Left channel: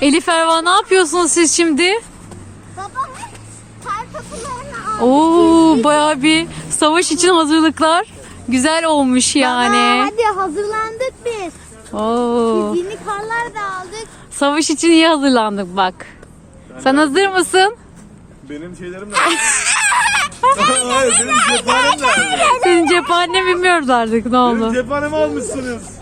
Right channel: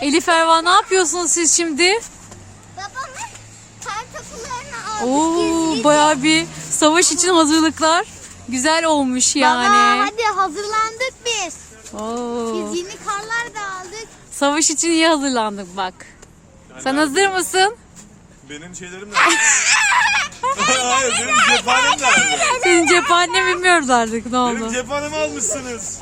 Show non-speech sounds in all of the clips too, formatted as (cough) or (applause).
Elif Erva ne yapıyorsunuz siz şimdi? Oo baya bir savaş için hazırlıklar. Güzel olmuş yani. Baba, hadi hazırlandık biz. Oo. Fiziğini kollar da aldık. Savaş için iyi hazırlandık bak. Yani Sen ben... hazır abi, mısın? Benim şeylerim de. (laughs) (laughs) Hayır benim cephanem de. Senin cephanem (laughs) bilmiyoruz artık ne oldu. Benim cephanemi almışsınız.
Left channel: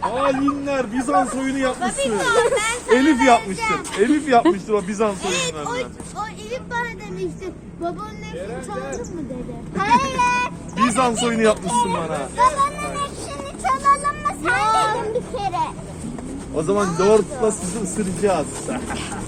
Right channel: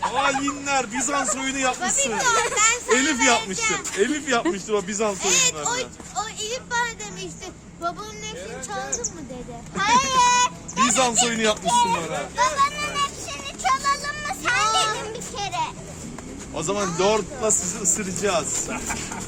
Hainler Bizans oyunu yapmışsın. Tabii, Elif, Elif yapmıştı. Elif (laughs) yapmıştı o Bizans oyunu evet, oyunlarını. O, Elif bana demişti. Babam nefsini çaldın gel. mı dedi. (laughs) Hayır. Bizans oyunu yapmışsın bana. Babamın nefsini çalalım mı sen oh. dedin bir kere. O zaman dörtle sıracağız. (laughs)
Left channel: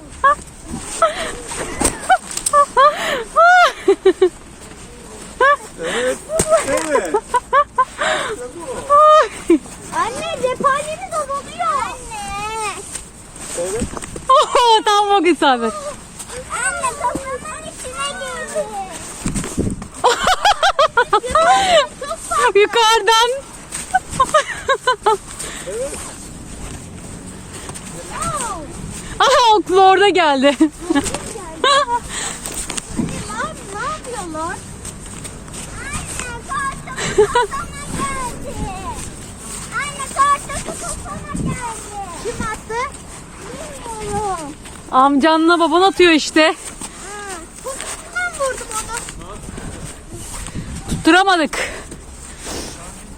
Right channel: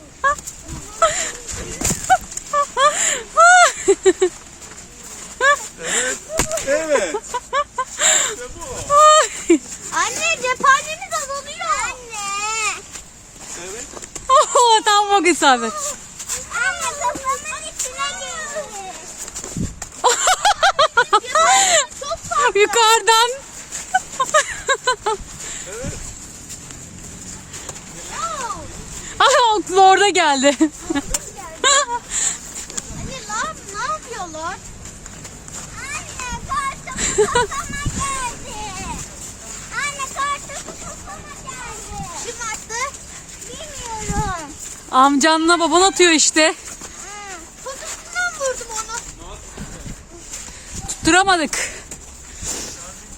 çıkmak isabet. Oh. Hani, oh. oh. Yukarıdan. (laughs) (laughs) no. Aha ok orada geldi. Geldi? (laughs) hani, geldi. Anne kartopu topuma geldi. Anne kartopu topuma geldi. Kim attı? Bilmiyorum. Amcanla baban atıyor işte. Kokusundan vurdum onu. Tutturamadık.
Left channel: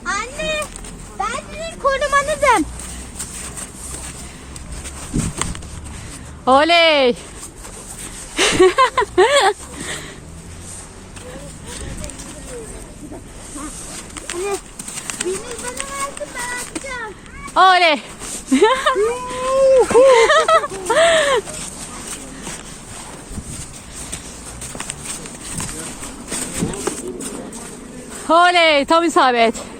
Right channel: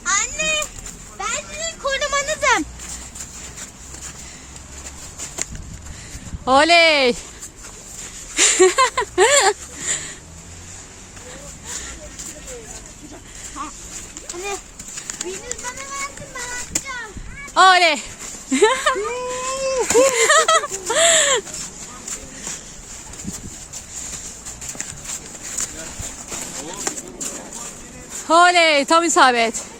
Anne ben seni korumalıdım. Oley. (laughs) hani, versin, Oley. Oley. (laughs) Oley tam isabet.